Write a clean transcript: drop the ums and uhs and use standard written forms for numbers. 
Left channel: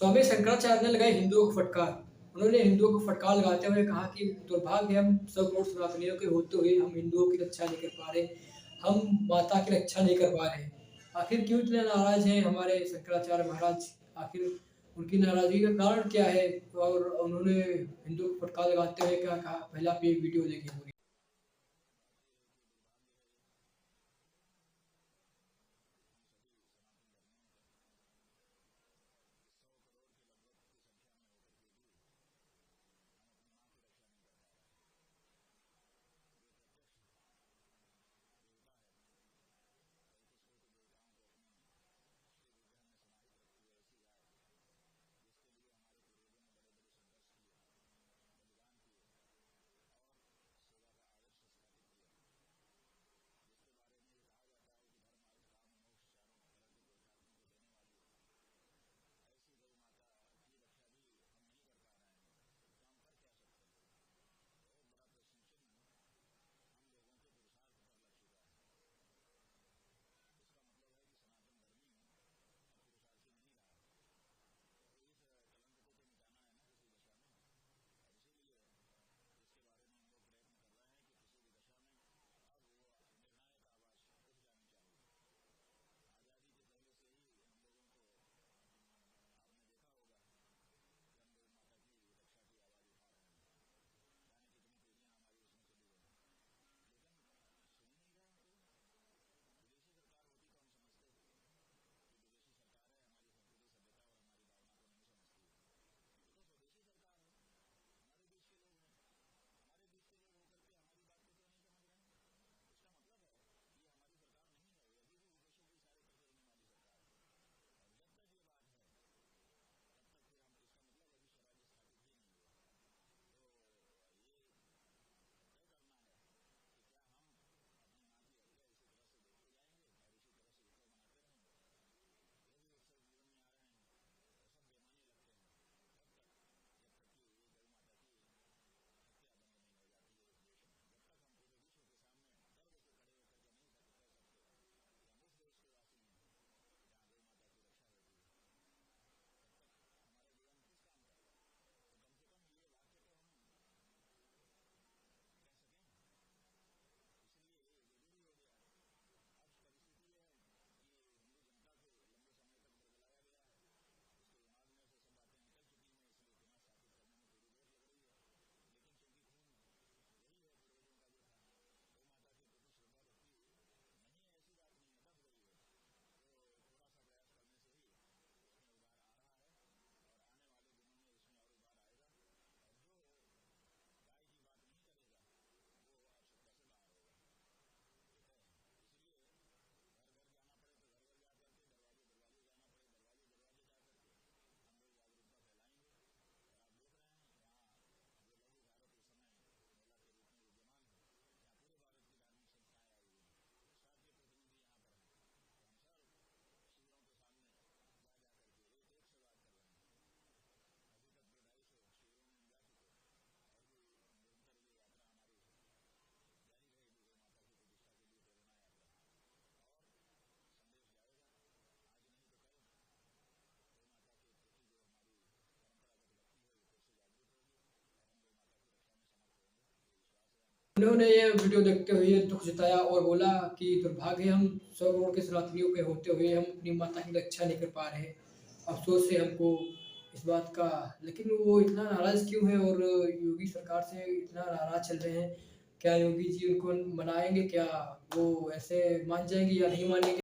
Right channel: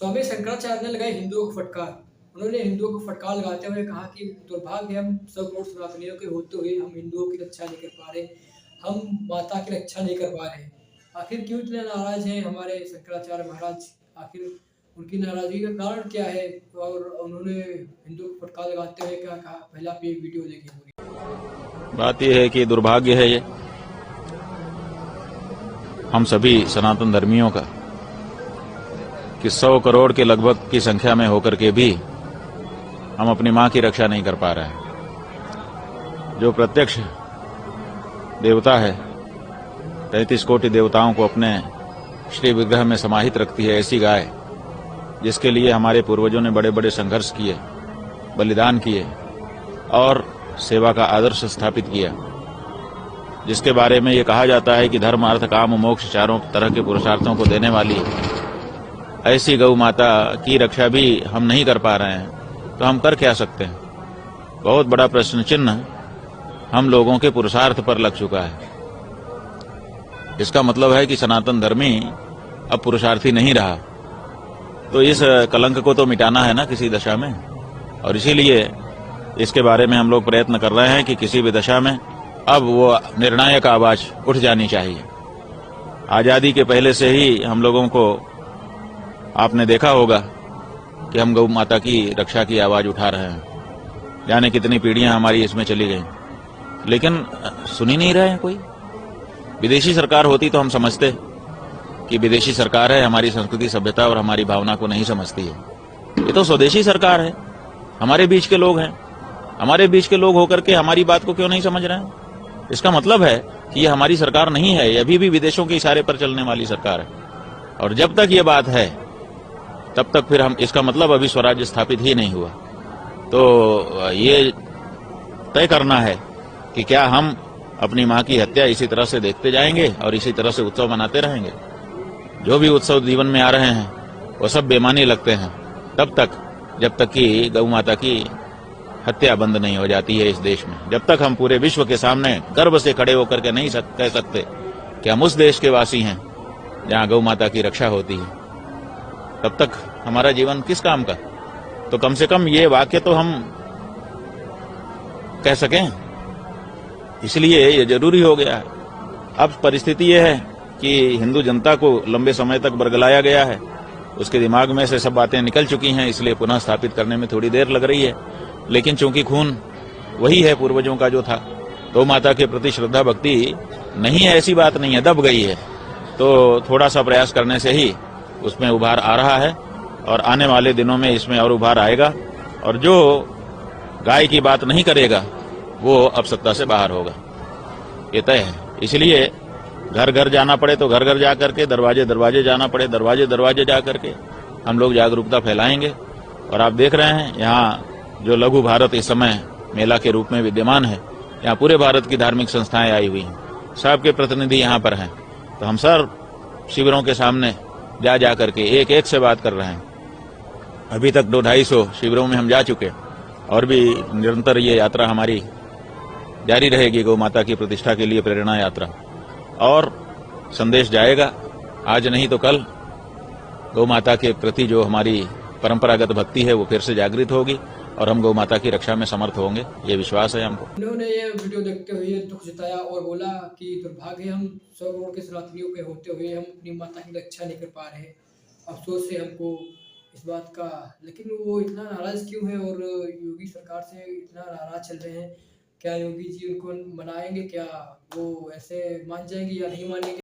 स्वामी शंकराचार्य ने लगाई हिंदुओं को फटकार। उन्होंने हिंदुओं को फटकार लगाते हुए कहा कि दुर्भाग्य हम सब करोड़ सनातनियों के होते हुए हम हिंदुओं की रक्षा नहीं कर पा रहे, हम माता की रक्षा नहीं कर पा रहे। आखिर क्यों इतने नाराज हैं हमारे शंकराचार्य महाराज? आखिर उनकी नाराजगी का कारण क्या है? और उन्होंने हिंदुओं को फटकार लगाते हुए क्या कहा? पहले आप ये वीडियो देखिए पूरी। बात यह है कि दुर्भाग्य है ये हम सभी सनातन धर्मियों का कि 100 करोड़ के लगभग की संख्या में होकर के भी हम अपनी मां की रक्षा नहीं कर पा रहे हैं। जो प्रत्यक्ष देवता है, 33 कोटि देवताओं को अपने श्री विग्रह में समाहित रखती है, ऐसी गाय जिसके लिए हमारे पूर्वजों ने बड़े बड़े संघर्ष किए, बलिदान किए और सेवा का आदर्श स्थापित किया, जिसके बारे में ये कहा जाता है कि धर्म अर्थ काम मोक्ष चारों तरह के पुरुषार्थों को देने वाली ऐसी गौ माता की रक्षा भी हम नहीं कर पा रहे हैं, तो हम कर क्या सकते हैं? बहुत बड़ा प्रश्न चिन्ह हम लोगों के पुरुषार्थ पर लग चुका है। इसका मतलब है कि सनातन धर्मी अब पुरुषार्थी नहीं रहा। तो इस कलंक को तो मिटाना है ना किसी दशा में, और इसीलिए इसके बारे में हम लोग प्रयत्न कर रहे हैं कि किसी भी दशा में अब वो निर्णायक आवाज उठ जानी चाहिए। आजादी के पहले से ही हम लोगों को आपने देखा होगा कि हम गौ माता की रक्षा की आवाज उठा रहे हैं। जाने कितनी पीढ़ियां हमारी इसमें चली गई, लेकिन सुन ही नहीं रहे हैं कोई। विदेशी सरकार होती तो हम समझते कि विदेशी सरकार है, हमारी संस्कृति सभ्यता और हमारी भावना को नहीं समझती है। ये तो स्वदेशी सरकार है, हमारे बीच के लोग हैं। हमारे बीच के लोग होकर के हमारी बात को क्यों नहीं समझ रहे हैं? इसका मतलब है कि ये हमारी सरकार नहीं है, ये अभी भी विदेशों के इशारे पर चलने वाली सरकार है। और जब तक ये बात है तब तक फिर हम, इसका मतलब अभी स्वराज्य स्थापित ही नहीं हुआ। तो ये तय करना है कि क्या हम अपनी मां की हत्या इसी तरह से देखते जाएंगे और इसी तरह से उत्सव मनाते रहेंगे? जो भी उत्सव जीवन में आ रहे हैं वो सब बेमानी लगते हैं तब तक, जब तक कि गौ माता की हत्या बंद नहीं हो जाती है इस देश में। जब तक हम पूरे विश्व के सामने गर्व से खड़े होकर के नहीं कह सकते कि हम उस देश के वासी हैं जहां गौ माता की रक्षा होती है, तब तक हमारा जीवन किस काम का? तो कम से कम ये वाक्य तो हम कह सकें, इसलिए ये जरूरी हो गया है। अब परिस्थिति ये है कि हिंदू जनता को लंबे समय तक बरगलाया गया है, उसके दिमाग में से सब बातें निकल चुकी हैं, इसलिए पुनः स्थापित करने में थोड़ी देर लग रही है। लेकिन चूंकि खून वही है पूर्वजों का जो था, तो माता के प्रति श्रद्धा भक्ति नहीं है, ऐसी बात नहीं है, दब गई है। तो थोड़ा सा प्रयास करने से ही उसमें उभार आ रहा है और आने वाले दिनों में इसमें और उभार आएगा। और जो गाय की बात नहीं करेगा वो अब सत्ता से बाहर होगा, ये तय है। इसलिए घर घर जाना पड़े तो घर घर जा करके, दरवाजे दरवाजे जाना पड़े दरवाजे दरवाजे जा करके हम लोग जागरूकता फैलाएंगे। और आप देख रहे हैं यहाँ जो लघु भारत इस समय मेला के रूप में विद्यमान है, यहाँ पूरे भारत की धार्मिक संस्थाएं आई हुई हैं, सबके प्रतिनिधि यहाँ पर हैं। तो हम सर शिविरों के सामने जा करके एक एक से बात कर रहे हैं। अभी तक 200-250 शिविरों में हम जा चुके, और भी निरंतर ये यात्रा हमारी जारी रहेगी, गौ माता की प्रतिष्ठा के लिए प्रेरणा यात्रा। और संदेश जाएगा, आज नहीं तो कल गौ माता के प्रति जो हमारी परंपरागत भक्ति है वो फिर से जागृत होगी और हम गौ माता की रक्षा में समर्थ होंगे, ये विश्वास है हमको। उन्होंने ये वीडियो देखते हुए दुख जताया और बोला कि दुर्भाग्य हम 100 करोड़ के सनातनियों के होते हुए हम अपनी माता की रक्षा नहीं कर पा रहे। अफसोस है हमको इस बात का। लेकिन वो इतना नाराज क्यों है और योगी सरकार से इतना नाराज चल रहे हैं? क्या योगी जी उनको मनाएंगे? क्या वो ऐसे मान जाएंगे या नहीं मानेंगे?